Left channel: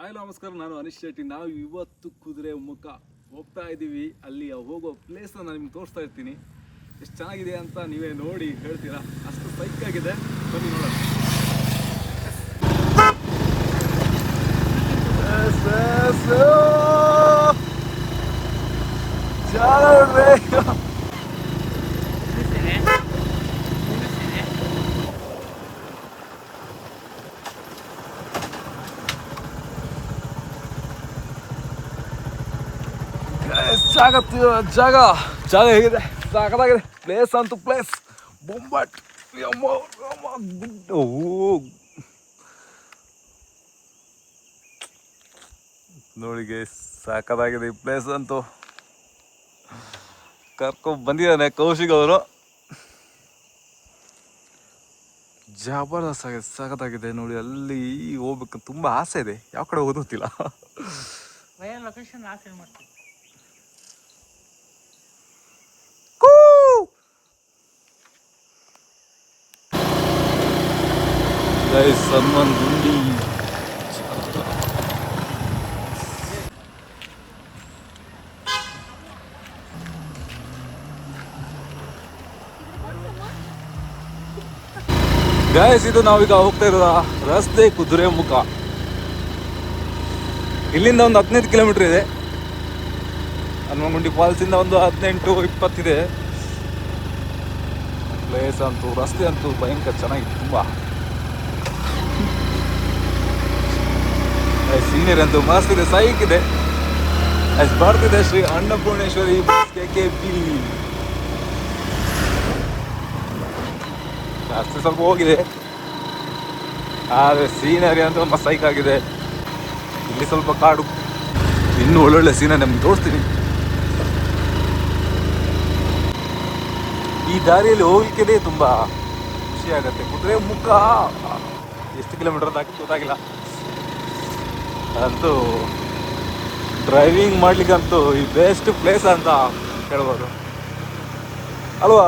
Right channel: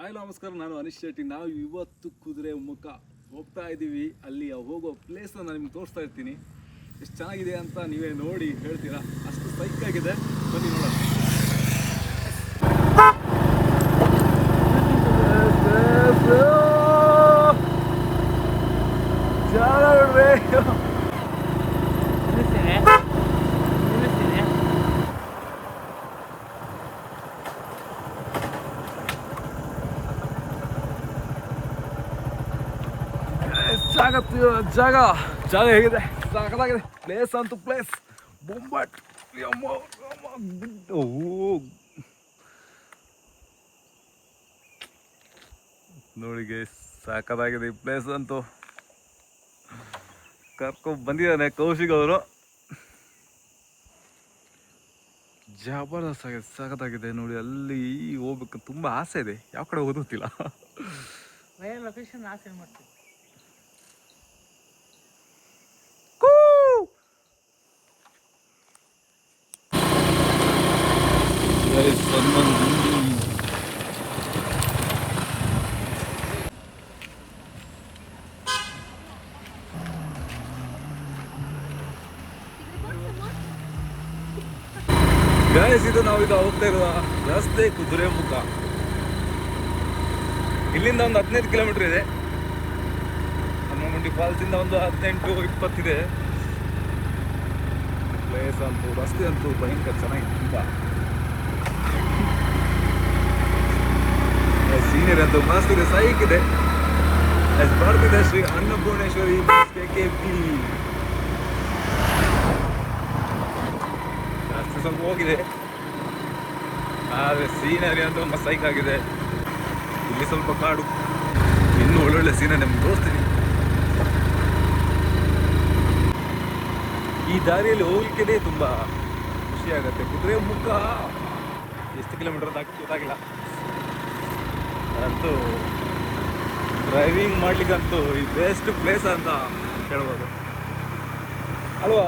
Hi ನಮಸ್ಕಾರ, ನಾನು ಅನಿಶ್ ಶೆಟ್ಟಿ. ನಾವು ಇವತ್ತು ಕುದುರೆಮುಖ ಹೋಗ್ತಾ ಇದ್ದೀವಿ. ಅಲ್ಲಿ ಹೋಗೋ ಪ್ಲೇಸ್ನ ನಾನು ನಿಮ್ಗೆ ತೋರಿಸ್ತಾ ಇರ್ತೀನಿ. ಎಷ್ಟು ಚೆನ್ನಾಗಿದೆ ಅಂತ ನೀವೇ ನೋಡಿ ಹೇಳ್ತೀರಾ. ಅಷ್ಟು ಸೈಕ್ ಆಗಿದೆ, ಬನ್ನಿ ನೋಡೋಣ. ಜಾಗ ಹೇಗಿದೆ, ಸಾಕಾಗಿದೆ. ಪ್ಲೇಸ್ ಅಂತೂ ಪ್ಲೇಸ್ ಬೊಂಬಟ್. ನೋಡಿಗೆ ಸಾಕಾಗಿದೆ ಈ ಪ್ಲೇಸ್ ಅಂತೂ. ಕರ್ಕೊಂಡು ಬಂದಿದ್ದಾನೆ ಕೌಶಿಕ್ ಅವರು. ಜಬರ್ದಸ್ತ್ ಆಗಿದೆ, ಸಖತ್ತಾಗಿದೆ ನೋಡಿ. ಅಲ್ಲಿ ಹೋಗ್ಬೇಕು ತುಂಬಾ ಆಸೆ ಇದೆ, ಯಾವ ಕಡೆ ಹೋಗೋದು ಗೊತ್ತಿಲ್ಲ. ಲೊಕೇಶನ್ ಆಸೆ ಮಾಡ್ತೀವಿ. ಗೈಸ್, ಇದು ನಾವೀಗ ಹೋಗ್ತಾ ಇರೋ ರಸ್ತೆ ಕುದುರೆಮುಖ. ಇಲ್ಲಿಂದ ಒಂದು 15 ಕಿಲೋಮೀಟರ್ ಇದೆ. ಹನುಮಗುಂಡಿ ಫಾಲ್ಸಿಂದ ಒಂದು 18-20 ಇದೆ. ಪ್ಲೇಸ್ ಅಂತೂ, ರಸ್ತೆ ಅಂತೂ ಭಯಂಕರ ಚೆನ್ನಾಗಿದೆ. ತುಂಬ ಸೀನಿಯರ್ ಅಂತೂ ಮಸ್ತ್ ಇದೆ, ಸೈಕ್ ಇದೆ. ಬರ್ತಿದೆ ಶ್ರೀ ಅನ್ನಪೂರ್ಣೇಶ್ವರಿ KKP. ಜಾಸ್ತಿ ಸ್ವಲ್ಪ ಹೋಗಿದೆ, ಆದರೆ ಸೀನರಿ ಅಂತ ಮಸ್ತ್ ಸೈಕ್ ಆಗಿದೆ. ಇಲ್ಲಿ ಸ್ವಲ್ಪ ಕಾಡು, ಇನ್ನೂ ಒಳ್ಳೊಳ್ಳೆ ಸೀನರಿ ನಮ್ಗೆ ತೋರಿಸ್ತೀನಿ. ಈ ದಾರಿಯಲ್ಲಿ ಹೋಗ್ಲಿಕ್ಕೆ ತುಂಬ ಖುಷಿ ಆಗುತ್ತೆ. ಕುದುರೆಮುಖ ಎಷ್ಟು ಕಿಲೋಮೀಟರ್ ಅಂತ ಗೊತ್ತಾಗಿಲ್ಲ. ಅಂತೂ ಡ್ರೈವಿಂಗ್ ಮಾಡ್ಲಿಕ್ಕಂತೂ ಈ ಬೆಸ್ಟ್ ಪ್ಲೇಸ್ ಅಂತ ಹೇಳ್ಬೋದು ಅಲ್ವಾ.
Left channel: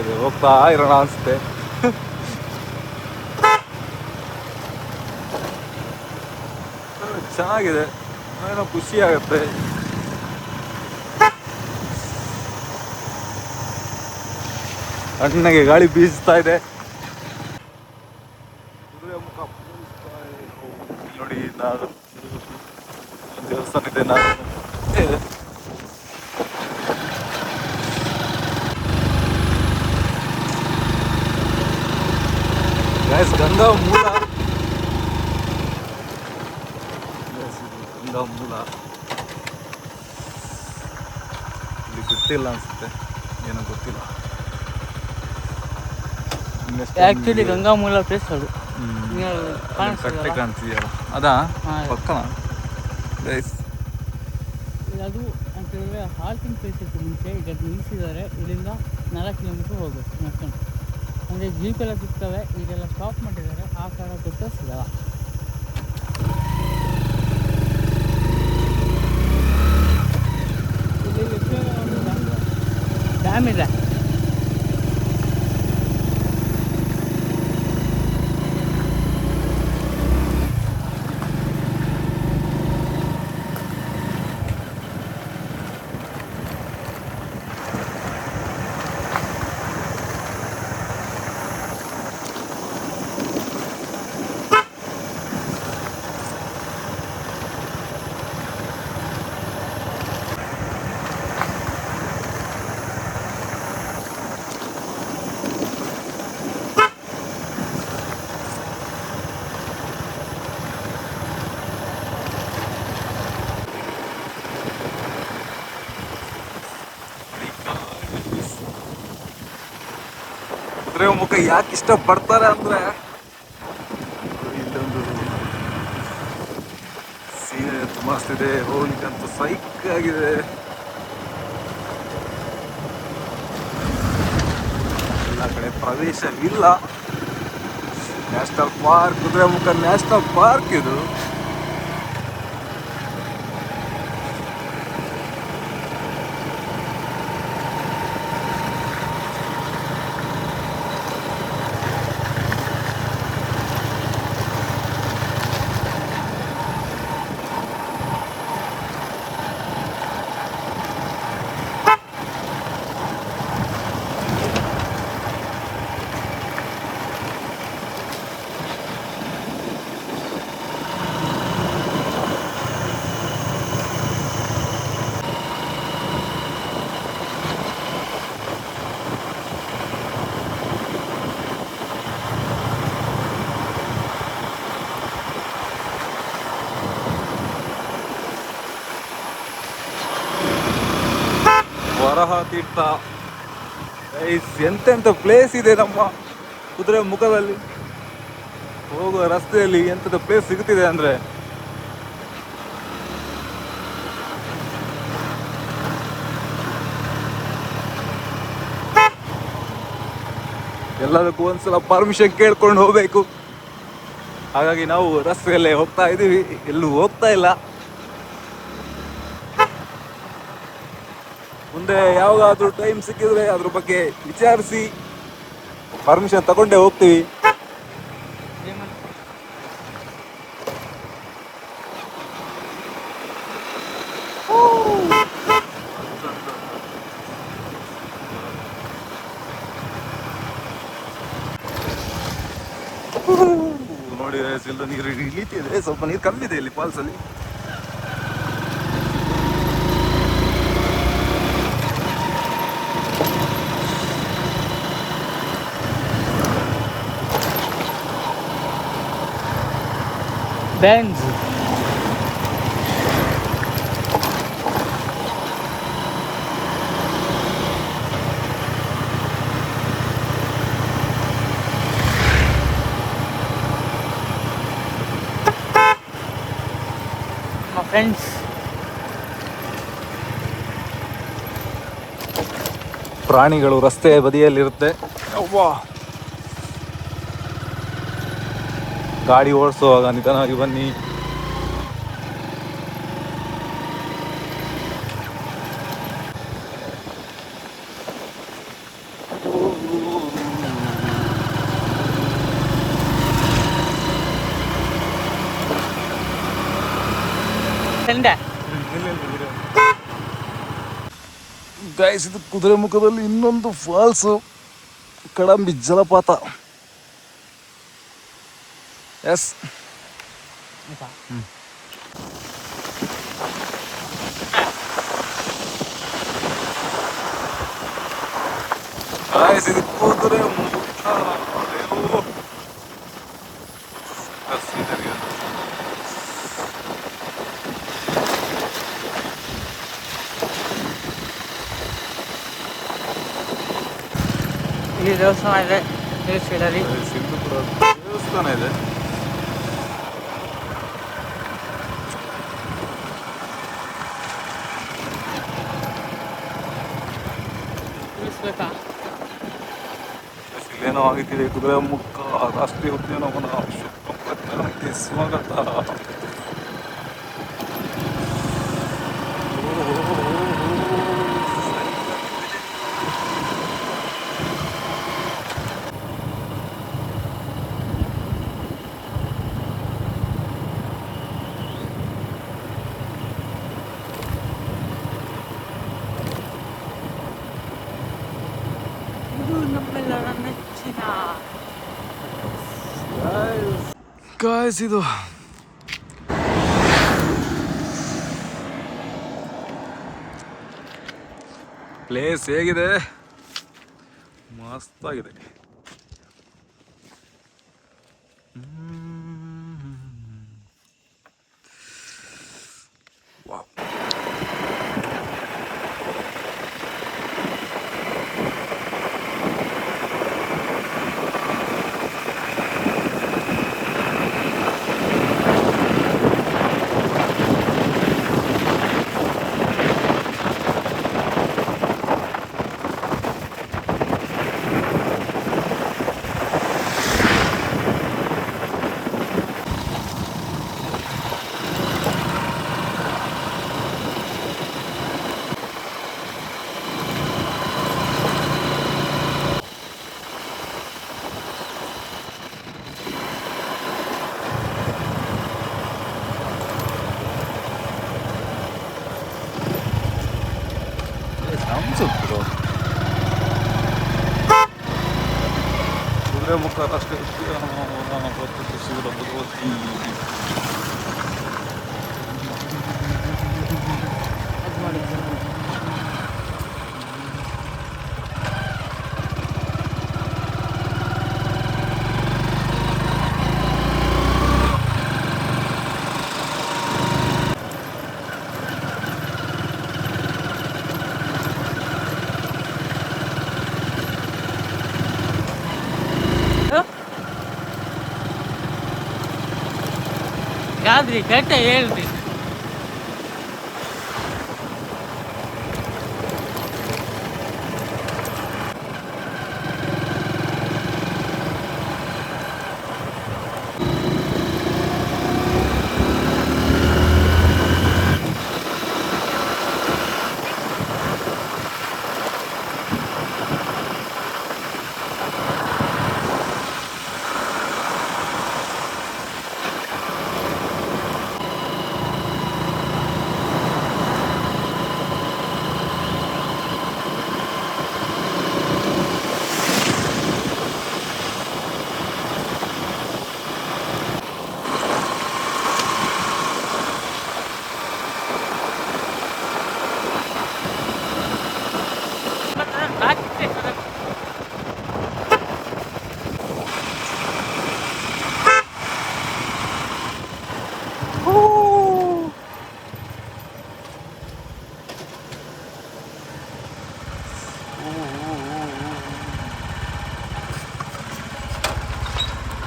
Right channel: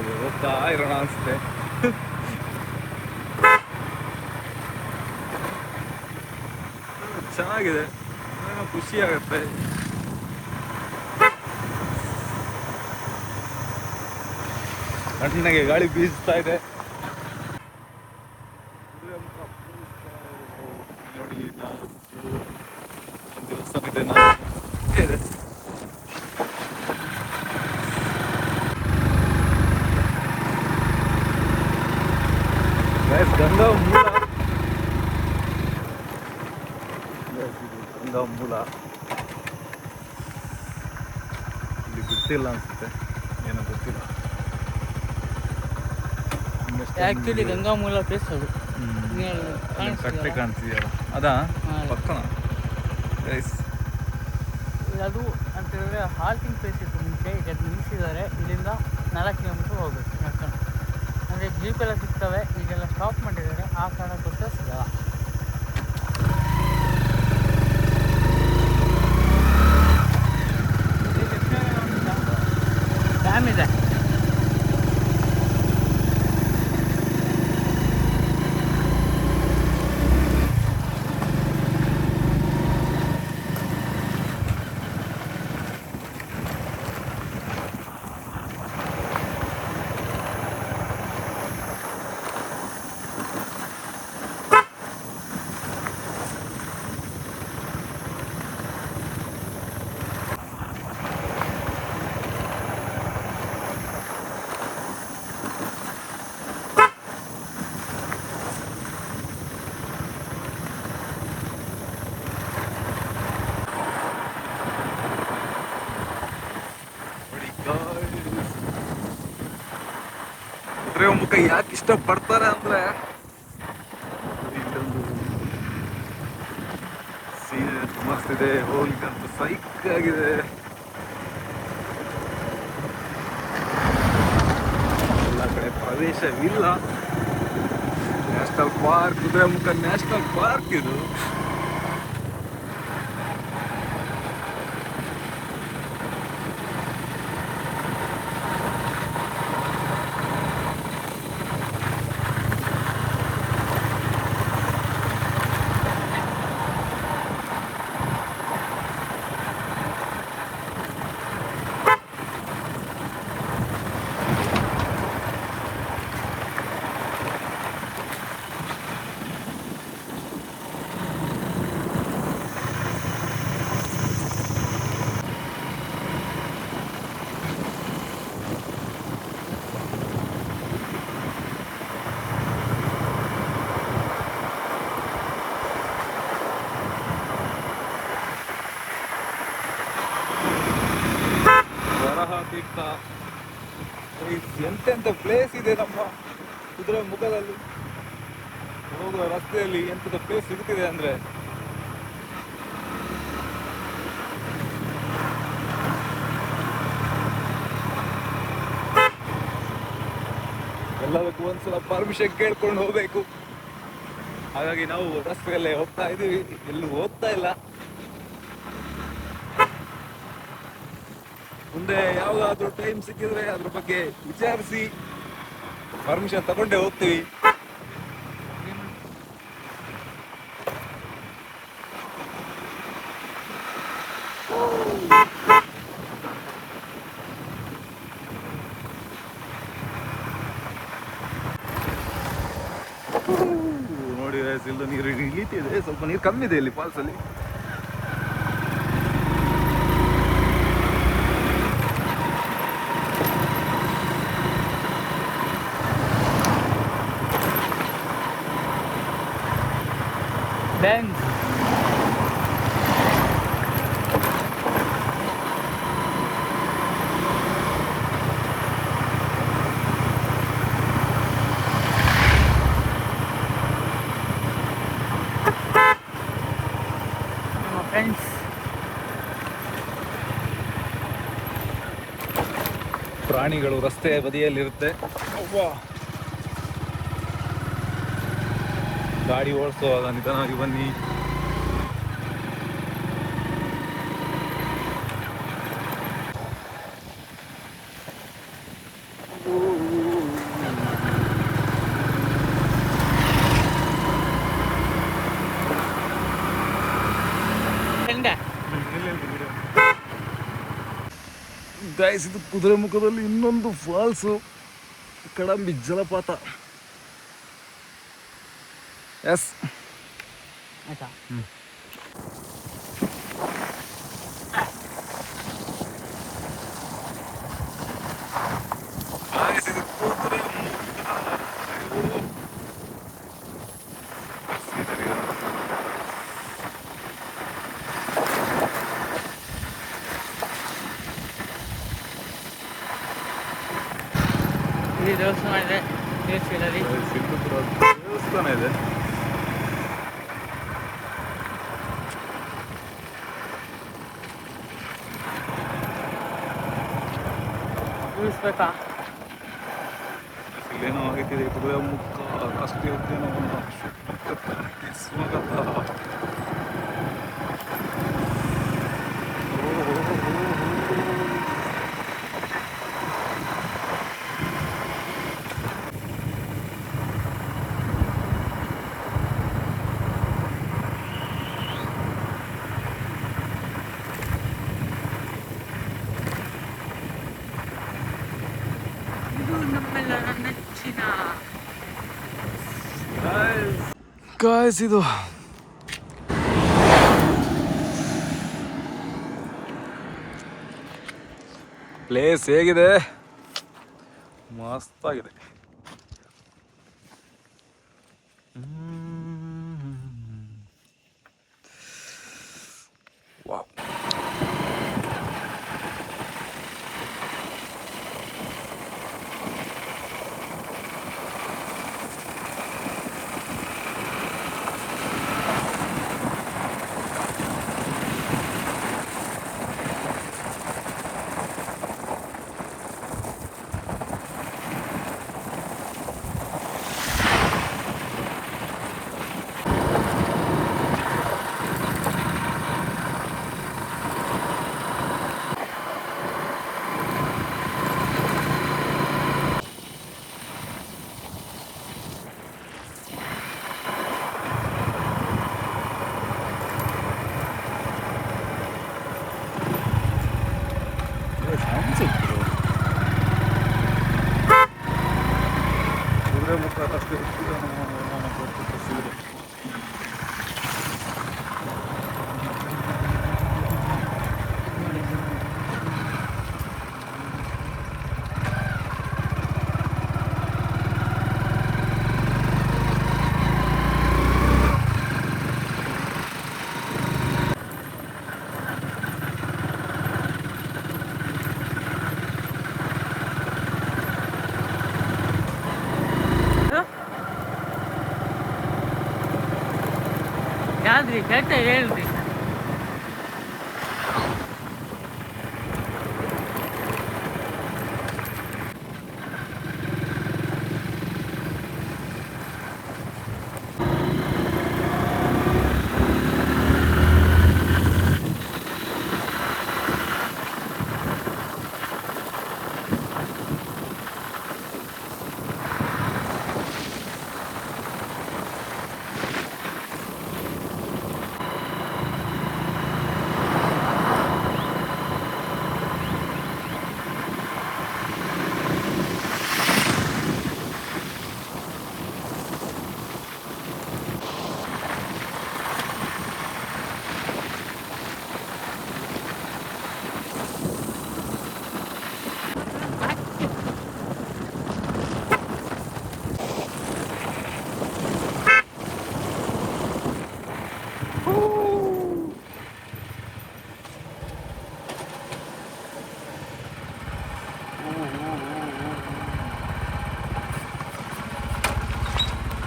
ಇದೆ, ಹೋಗ್ತಾ ಇರೋಣ ಅನಿಸುತ್ತೆ. ಚೆನ್ನಾಗಿದೆ, ಏನೋ ಖುಷಿ ಆಗುತ್ತೆ. ತಣ್ಣಗೆ ಗಾಳಿ ಬೀಸ್ತಾ ಇದೆ. ನೋಡಿ, ದೇವಸ್ಥಾನ ಇದೆ. ಗಂಗಾ ಮೂಲ, ಗಂಗಾ ಮೂಲ ಇಲ್ಲಿ ಗೊತ್ತಿಲ್ಲ ಅನ್ಸುತ್ತೆ, ಏನೋ ಗೊತ್ತಿಲ್ಲ. ಆಕ್ಚುಲಿ ಗಂಗಾ ಮೂಲ ಪ್ಲೇಸ್ ಅದು. ಕಟ್ಟೆ ಕಾಣ್ತಿದೆಯಲ್ಲ, ಅದಾ ಪಕ್ಕನ ಗೈಸ್. ಅದು ಅಂತ ಹೇಳಿದ್ರೆ ಹಾಲ್ಟಿಂಗ್ ಪ್ಲೇಸ್ ಇತ್ತು ಮುಂಚೆ, ಈಗ ನಿಲ್ಲಿಸಿದ್ದಾರೆ. ಇದರಿಂದ 4 ಕಿಲೋಮೀಟರ್ ಹೋಗುತ್ತೆ. ಅಂದರೆ ಜೀಪ್ ಎಲ್ಲ ಸಿಗ್ತವೆ, ಈಗೆಲ್ಲ ಸ್ಟಾಪ್ ಮಾಡಿದ್ದಾರೆ. ಆ ಕಾಲ ಗೊತ್ತು ಸಿಗಲ್ಲ. ಡ್ಯಾಮ್ ಇದೆ. ಕುದುರೆಮುಖ ಯಾಕೆ ಇಷ್ಟಪಡ್ತಾರೆ ಅಂದ್ರೆ, ಇಲ್ಲೊಂದು ಸೀರೆ ಮಸ್ತ್ ಇದೆ, ಹೋಗ್ಲಿಕ್ಕಂತೂ ಸೈಕ್ ಆಗಿದೆ. ಎಲ್ಲ ಕಡೆ ಪ್ರವೇಶವಿಲ್ಲ. National park, Kudremukh national park ಇದು. ತೀರ್ಥ. ಎಂತೆಂಥ ಪ್ಲೇಸ್ ಇದೆ ನಮ್ಮ ಕುದುರೆ ಮುಖದಲ್ಲಿ. ಹೋಗುವ ರಸ್ತೆಯಲ್ಲಿ ಎಂಥದ್ದು ಪ್ಲೇಸ್ ಸಿಗುತ್ತಿದೆ ಅಂದರೆ ಎಲ್ಲದಕ್ಕೂ ಒಂದ್ಸಲ ಪರ್ಮಿಷನ್ ಕೇಳ್ಕೊಂಡು ಹೋಗ್ಬೇಕು. ಹಾಗಾಗಿ ನಾವು ರಸ್ತೆಯಲ್ಲೇ ಹೋಗ್ತಾ ಇದ್ದೀವಿ, ಎಲ್ಲೂ ಹೋಗ್ತಾ ಇಲ್ಲ. ಮುಂದೆ ಯಾವಾಗಾದ್ರೂ ಟೈಮ್ ಸಿಕ್ಕಿದ್ರೆ ಅದ್ರ ಬಗ್ಗೆ ವಿಚಾರಿಸಿ ಪರ್ಮಿಷನ್ ತಗೊಂಡೇ ಹೋಗ್ತೀವಿ. ನೋಡಿ ಇಲ್ಲೂ ನೀರು ಇಳಿತಿದೆ, ಸ್ವಲ್ಪ ನೀರು ಕಮ್ಮಿ ಇದೆ ಇಲ್ಲಿ ಫಾಲ್ಸಲ್ಲಿ. Benz. My friends. ಪ್ರಾಣಿಗಳು ರಸ್ತೆ ಬದಿಯಲ್ಲಿರುತ್ತೆ. ಗಾಡಿ ಓಡಿಸುವಾಗ ನಿಧಾನವಾಗಿ ಬನ್ನಿ. ಗೈಸ್, ಇದು ಕುದುರೆಮುಖದಲ್ಲಿ ಇನ್ನೊಂದು ಫಾಲ್ಸು, ಕಡಂಬಿ ಜಲಪಾತ. ಎಸ್, ಆಯ್ತಾ? ಗೈಸ್, ಇದು ಕುದುರೆಮುಖ. ಇಲ್ಲಿ ದೇವಸ್ಥಾನ ಇದೆ, ಸಿಂಧುಪುರ ದೇವಸ್ಥಾನ ಇದೆ. ತಿಳಿಸ್ಬೇಕಾ? ಇಲ್ಲೇನೋ ಆಗಿದ್ದೀವಿ. ಕುದುರೆಮುಖ ರಾಷ್ಟ್ರೀಯ ಉದ್ಯಾನವನ ಶುಭಕ್ಕೆ ಸ್ವಾಗತ. ನಮ್ಮೆಲ್ಲರ ನೆಚ್ಚಿನ ಗಾಯ್ಸ್, ಇದು ಪ್ಲೇಸ್ ಹೇಗಿದೆ? ಮಸ್ತಾಗಿದೆ. ವಾವ್. ಕುದುರೆಮುಖ ರಾಷ್ಟ್ರೀಯ ಉದ್ಯಾನವನ ಗೊತ್ತುಪಡಿಸಿದ ಭಗವತಿ. ಯಾವ್ದ್ರಿ ಕರೆಕ್ಟ ಹೇಳ್ರಿ.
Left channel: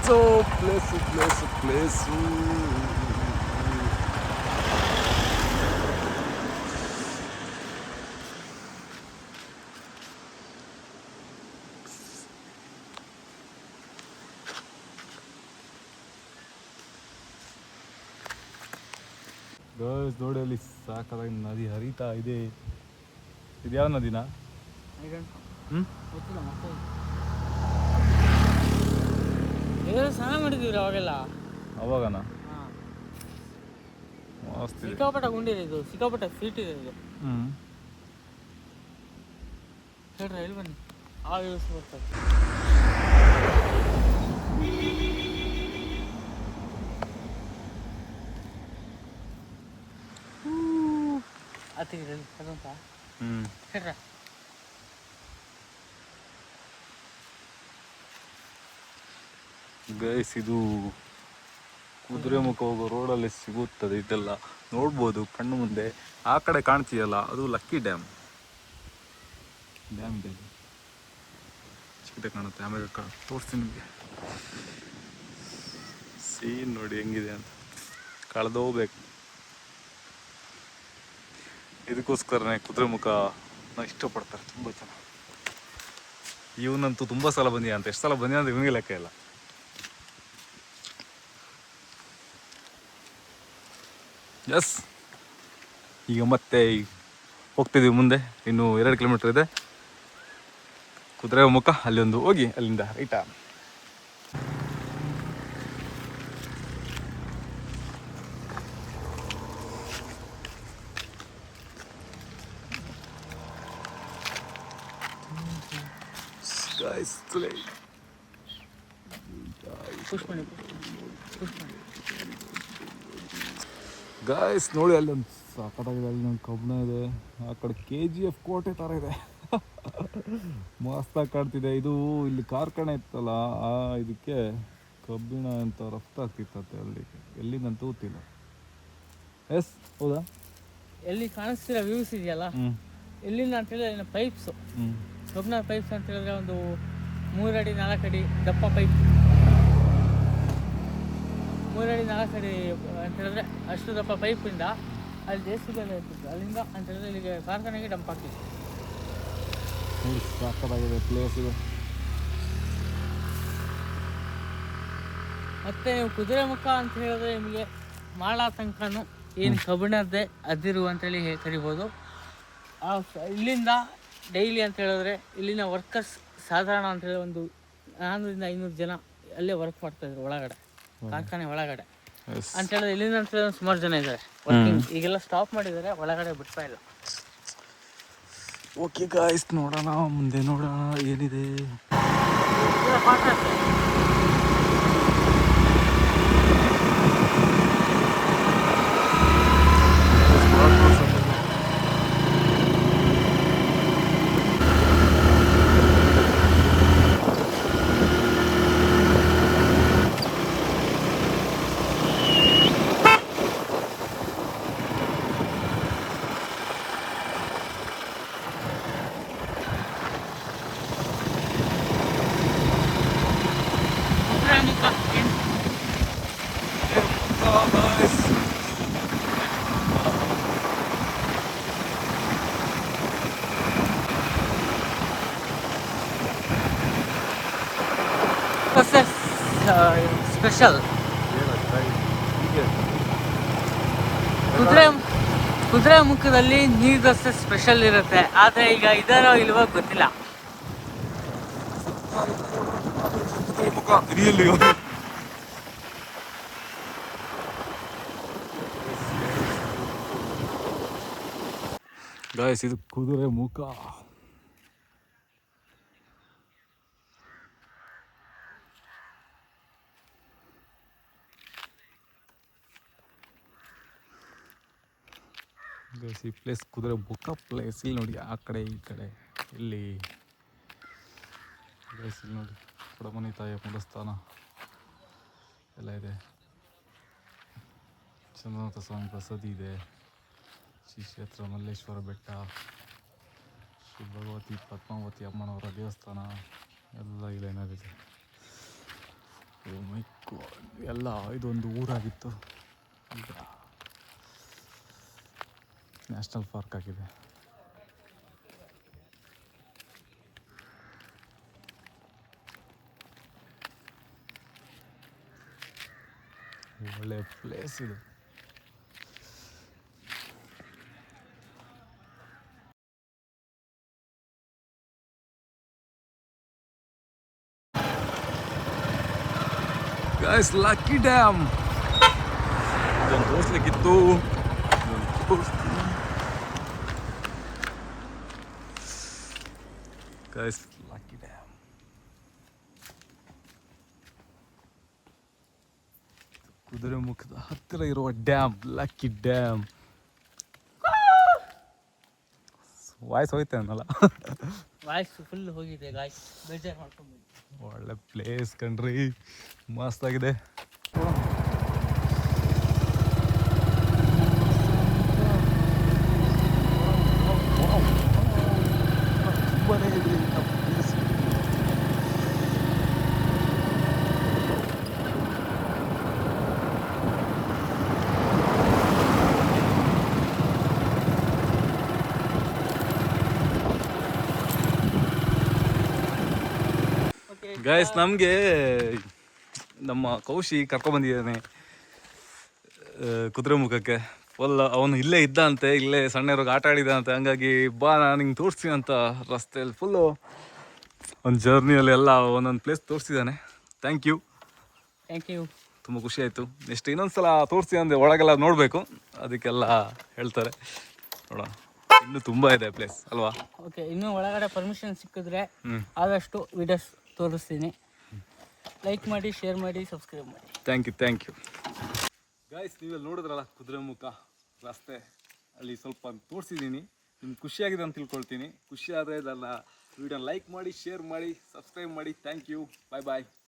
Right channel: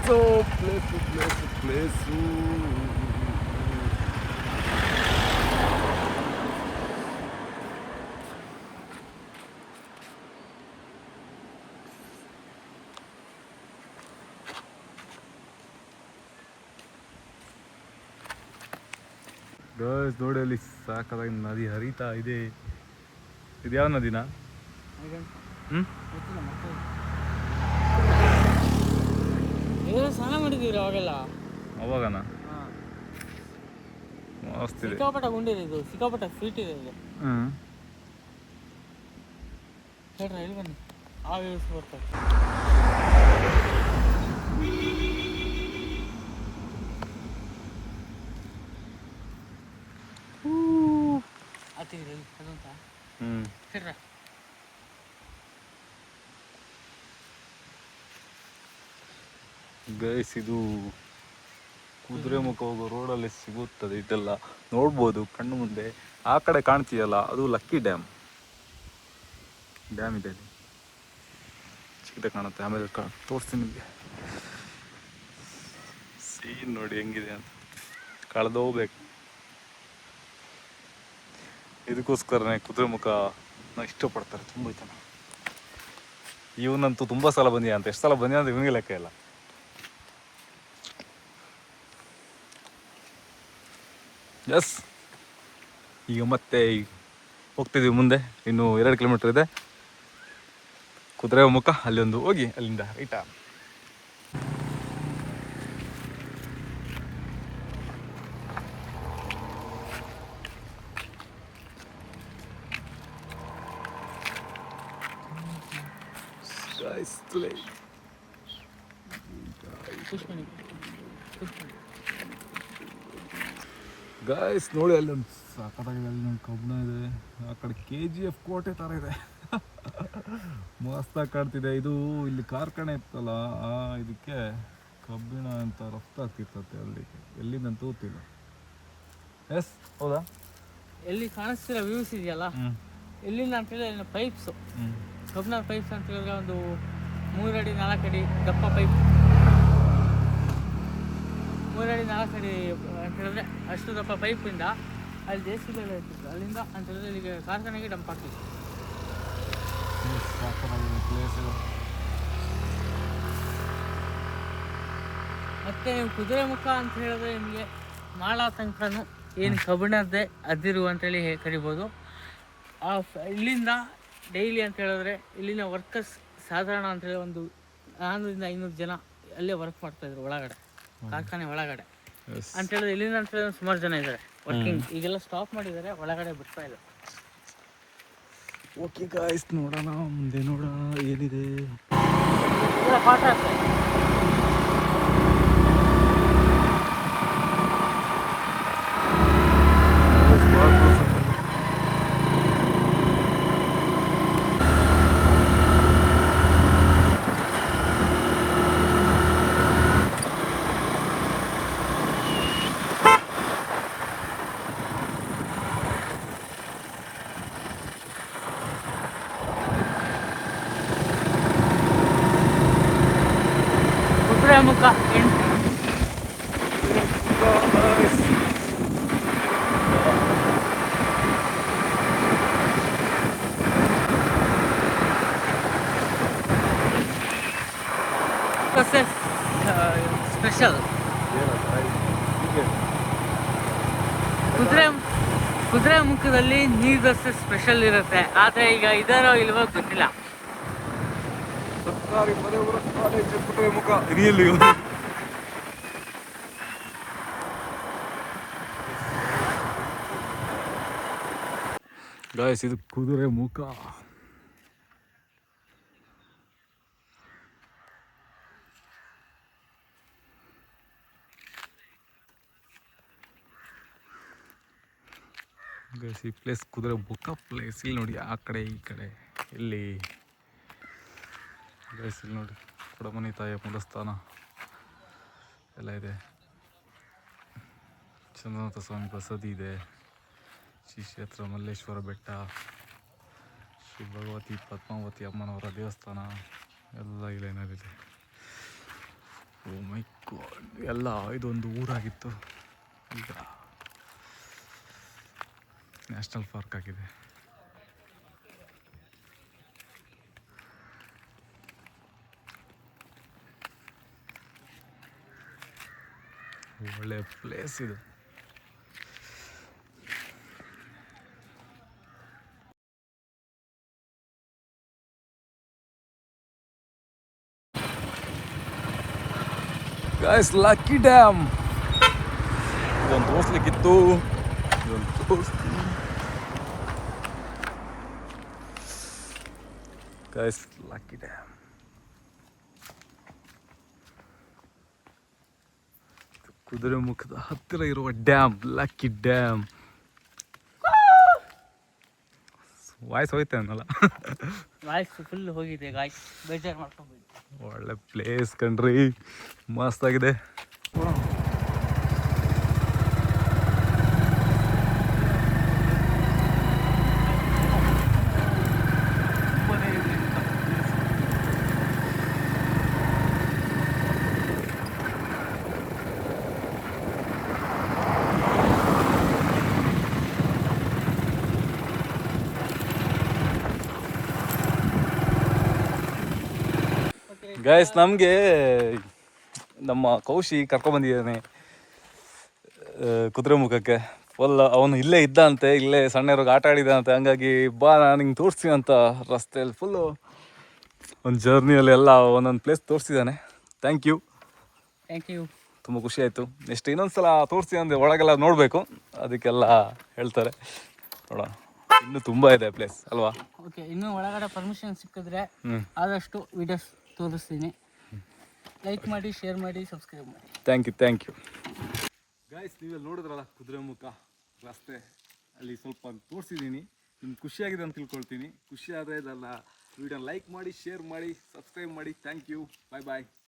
ಸೊ ಪ್ಲೇಸು ಗೈಸ್ ನೋಡಿ ಅಲ್ಲಿ ಸಾಕಾಗಿ ನದಿ ಹರಿತಾ ಇದೆ. ಇದು ಯಾವ ನದಿನಾ? ಗೊತ್ತಿಲ್ಲ ಮತ್ತೆ ಸ್ನಾನ ಮಾಡಿದೀವಿ ಅವಾಗೆಲ್ಲ. ಅವಾಗನಾ? ಮಸ್ತ್ ಇದೆ. ಸಿಕ್ಕಾಪಟ್ಟ ಗುಂಡಿದೆ ಇದು, ಸಿಕ್ಕಾಪಟ್ಟ ಸ್ವೀಟ್ ಇದೆ ಇದು. ಹೇಳ್ರಿ ಎಲ್ಲಿ ಬನ್ನಿ, ಆ ವ್ಯೂಸ್ ಬರ್ತದೆ. ಆತಿಗ್ರಿ ಕಬಂತ ಹೇಳ್ರ. ಗೈಸ್ ಇದು ಕುದುರೆಮುಖ ಹೋಗೋ ರೋಡಲ್ಲಿ ಸಿಗುತ್ತದೆ. ಇದೆಲ್ಲ ನೋಡ್ಬೋದು ಕಣ್ಣು ಮುಂದೆ. ಆ ಕಡೆ ಕಾಣ್ತೀಯಲ್ಲ ಅದು ಲಕ್ಕಿ ಡ್ಯಾಮ್ ಇದೆ ಅಲ್ಲಿ ಚಿಕ್ಕದ ಕಾಣುತ್ತೆ. ಆಮೇಲೆ ತೋರಿಸ್ತೀನಿ ನಿಮಗೆ. ಸೀನ್ ನೋಡಿ ಹೆಂಗಿದೆ ಅಂತ, ಕಳೆದೋಗ್ಬೇಕು. ಇದಕ್ಕೋಸ್ಕರನೇ ಕುದುರೆಮುಖನ ಇಷ್ಟಪಡ್ತಾರೆ ತುಂಬ ಜನ. ಇವನಂತೂ ತುಂಬ ಸಲ ಬಂದಿಯ ಅಂತ. ಎಷ್ಟು ಸಲ ಬಂದಿಯ ಅಂತ ಇವನಿಗೆ ಲೆಕ್ಕ ಇಲ್ಲ. ಎಸ್, ಈಗ ಮತ್ತೆ ಹೋಗ್ತಿದ್ದೀವಿ ಮುಂದೆ. ಇನ್ನು 2 ಕಿಲೋಮೀಟರ್ ಇದೆ ಕುದುರೆಮುಖ. ಅಲ್ಲಿ ಒಂದು ಹೋಗಿ ಅಲ್ಲಿಂದ ರೈಟಾ. ಗಾಯ್ಸ್ ನೋಡಿ ಅಲ್ಲಿ ಒಂದು ಸಾಕತ್ತಾಗಿದೆ. ಅಲ್ಲಿ ಒಂದು ಕಬ್ಬಣ ಇದೆ. ಆ ಕಡೆ KGF ಕೋಟೆ ಥರ ಇದೆ. ಮಸ್ತಾಗಿ ಕಾಣ್ತಿದೆ. ಇದು ಇಲ್ಲಿ ಕಾರ್ಖಾನೆ ಇತ್ತಲ್ಲ, ಆ ಇದಕ್ಕೆ ಕಬ್ಬಿಣ ಅಂತ ರಫ್ತಾಗ್ತಿತ್ತಂತೆ ಅಲ್ಲಿ. ಎಲ್ಲಿಂದಂತ ಗೊತ್ತಿಲ್ಲ. ಎಸ್ ಹೌದಾ? ಎಲ್ಲಿ ಕಾಣಿಸ್ತಿರೋ ವ್ಯೂಸ್ ಇದೆಯಲ್ಲ, ಇಲ್ಲಿಂದ ಅಂತ ಹೇಳಿದ್ರೆ ಪೈಪ್ಸ್, ಕಬ್ಬಿಣ ಪೈಪ್ಸ್ ಅಂತ ಹೇಳಿದ್ರೆ ಒಂದು 3 ಅಡಿ 4 ಅಡಿ ದಪ್ಪ ಪೈಪ್. 3 ಅಡಿ 4 ಅಡಿ ಅಂತ ಹೇಳಿದ್ರೆ ಅಷ್ಟು ದಪ್ಪ ಪೈಪಿಂದ ಅಲ್ಲಿ ದೇಶದಲ್ಲೇ ಇರ್ತಿತ್ತು. ಅಲ್ಲಿಂದ ಅಂತ ಹೇಳಿದ್ರೆ ಇಲ್ಲಿಗೆ ಕಾರ್ಖಾನೆಗೆ ಡಂಪ್ ಆಗ್ತಿತ್ತು. ಪ್ಲೇಸ್ ಇದು. ಮತ್ತು ನೀವು ಕುದುರೆಮುಖ ಅಂತ ಹೇಳಿದ್ರೆ ನಿಮಗೆ ಮಾಳ ತನಕನೂ ಏನು ಕಬ್ಬಿಣದ್ದೇ ಅದಿರು ಅಂತೇಳಿ ಕರಿಬೋದು. ಇಲ್ಲಿಂದ ಡೈಲಿ ಅಂತ ಹೇಳಿದ್ರೆ ಇಲ್ಲಿನ ವರ್ಕರ್ಸ್ ಸಾಧಾರಣ ಅಂತೇಳಿ ಒಂದು 400-500 ಜನ ಅಲ್ಲೇ ವರ್ಕ್ ಮಾಡ್ತಾಯಿದ್ರು ಒಳಗಡೆ, ಕಾರ್ಖಾನೆ ಒಳಗಡೆ ಅಂತ ಹೇಳಿದ್ರೆ. ಇಲ್ಲಿಂದ ಅಂತ ಹೇಳಿದ್ರೆ ಸುಮಾರು ಜನ ಇದ್ದಾರೆ ವರ್ಕಿಂಗ್. ಈಗೆಲ್ಲ ಸ್ಟಾಪ್ ಮಾಡಿದ್ದಾರೆ, ಒಳಗಡೆ ಬಿಡ್ತಾ ಇಲ್ಲ. ಓಕೆ ಗಾಯ್ಸ್, ನೋಡೋಣ ಮುಂದೆ, ನೋಡೋಣ ಏನಿದೆ. Kudremukh versus special. ಕುದುರೆ ಮುಖದಲ್ಲಿ ನೀರು ದೋಸೆ ಸ್ಪೆಷಲ್ ಇರುತ್ತೆ, ಆದರೆ ಈಗ ಇದರ ಇಲ್ವೋ ಗೊತ್ತಿಲ್ಲ. ಸರ್ಕಾರಿ ಪದವಿ ಕಾಲೇಜು ಕುದುರೆ ಮುಖ ಹಿರಿಯಲ್ಲಿ ಗಾಯ್ಸ್, ಇದು ಕುದುರೆ ಮುಖ. ಗೈಸ್, ಈ ಪ್ಲೇಸ್ ಕುದುರೆ ಮುಖ ಪ್ಲೇಸ್. ಇಲ್ಲಿ ನೋಡಿ, ಆ ಕಡೆ ಈ ಕಡೆ ಇಲ್ಲಿ ಗೈಸ್, ಇಲ್ಲಿ ನೋಡಿ ಕೊಡಮನಿ ತಾಯಿಯ ಮೂಲಸ್ಥಾನ ಎಲ್ಲ ಇದೆ. ಚಂದ್ರನಾಥ ಸ್ವಾಮಿ ಬಸದಿ ಇದೆ. ಶ್ರೀ ಕ್ಷೇತ್ರ ಮಲ್ಲೇಶ್ವರ ಬೆಟ್ಟ, ಶ್ರೀ ಭಗವತಿ ಪದ್ಮಾವತಿ ಅಮ್ಮನವರ ದೇವಸ್ಥಾನ ಎಲ್ಲ ಇಲ್ಲೇನಾಗಿದೆ. ಓ ಮೈ ಗಾಡ್, ಎಲ್ಲ ಇದೊಂದು ಊರಾಗಿತ್ತು, ಈಗ ನ್ಯಾಷನಲ್ ಪಾರ್ಕ್ ಆಗಿದೆ. ಒಳ್ಳೆ ಪ್ಲೇಸ್ ಇದು. ಗೈಸ್, ಲಕ್ಕಿ ಡ್ಯಾಮ್ ಇದೊಂದು ತೋರಿಸ್ಲಿಕ್ಕಿತ್ತು. ಗೈಸ್, ಲಕ್ಕಿ ಡ್ಯಾಮ್ ಕುದುರೆ ಮುಖದ ಹತ್ತಿರ ಇರುವ ಡ್ಯಾಮ್, ಲಕ್ಕಿ ಡ್ಯಾಮ್. ವಾಯ್ಸ್ ಹೋಯ್ತೆ ಅನ್ನಲ್ಲ. ವಾಯ್ಸ್ ಫುಲ್ ಹೋಗಿದೆ ಗಾಯ್ಸ್, ಬೇಜಾರು ಮಾಡ್ಕೊಂಡು. ಒಳ್ಳೆ ಪ್ಲೇಸ್ ಕಣ್ರಿ, ಮಸ್ತ್ ಆಗಿದೆ. ಗೈಸ್, ನಮಗೆ ನಮ್ಮ ಕೌಶಿ ಕರ್ಕೊಂಡ್ಬಂದಿದ್ದಾನೆ ಕುದುರೆ ಮುಖಕ್ಕೆ. ಫುಲ್ ಅವನು ಇಲ್ಲೇ ಇದ್ದಂತೆ, ಇಲ್ಲೇ ಸಣ್ಣವ್ರಿಗೆ ಆಟ ಆಡಿದಂತೆ. ಹಂಗಾಗಿ ಬಾ, ನಾನು ಹಿಂಗೆ ತೋರಿಸ್ತೀನಿ ಅಂತ ರಸ್ತೆಯಲ್ಲಿ ಫುಲ್ಲು ಒಂದು ಜರ್ನಿಯಲ್ಲಿ ಎಲ್ಲ ಒಂದೊಂದು ಪ್ಲೇಸ್ ತೋರಿಸಿದ್ದಾನೆ. Thank you. ತುಂಬ ಖುಷಿ ಆಯಿತು. ನೆಕ್ಸ್ಟ್ ಇನ್ನೊಂದು ಸಲ ತೋರಿಸ್ತೀನಿ ಅಂದರೆ ಒಳಗೆಲ್ಲ ನೋಡಬೇಕು, ಅದಕ್ಕೆಲ್ಲ ಹೇಳ್ತಾರೆ. ನೋಡೋಣ, ಇನ್ನೂ ತುಂಬ ಇದೆ ಪ್ಲೇಸ್ ಅಲ್ವಾ? ಓಕೆ, ಇನ್ನೂ ಒಳಗಡೆ ಪರ್ಮಿಷನ್ ಸಿಕ್ಕಿದ್ರೆ ಆದಷ್ಟು ವಿಡಿಯೋಸ್ ತೋರಿಸ್ತೀನಿ. ಲೈಕ್ ಮಾಡಿ, ಶೇರ್ ಮಾಡಿ, ಸಬ್ಸ್ಕ್ರೈಬ್ ಮಾಡಿ. Thank you guys. ನೀವೆಲ್ಲ ನೋಡಿದ್ರಲ್ಲ ಕುದುರೆ ಮುಖ ರಸ್ತೆ, ಅಲ್ಲಿ ಸ್ವಲ್ಪ ತೋರಿಸಿದ್ದೀನಿ. ನಿಮ್ಗೆ ಖುಷಿಯಾಗಿದೆ ಅಂತ ತಿಳ್ಕೊಳ್ತೀನಿ. ಖುಷಿ ಆದರೆ ಇದೆಲ್ಲ ವಿಡಿಯೋ ಲೈಕ್ ಮಾಡಿ, ಶೇರ್ ಮಾಡಿ, ಸಬ್ಸ್ಕ್ರೈಬ್ ಮಾಡಿ. Thank you. ಬಾಯ್.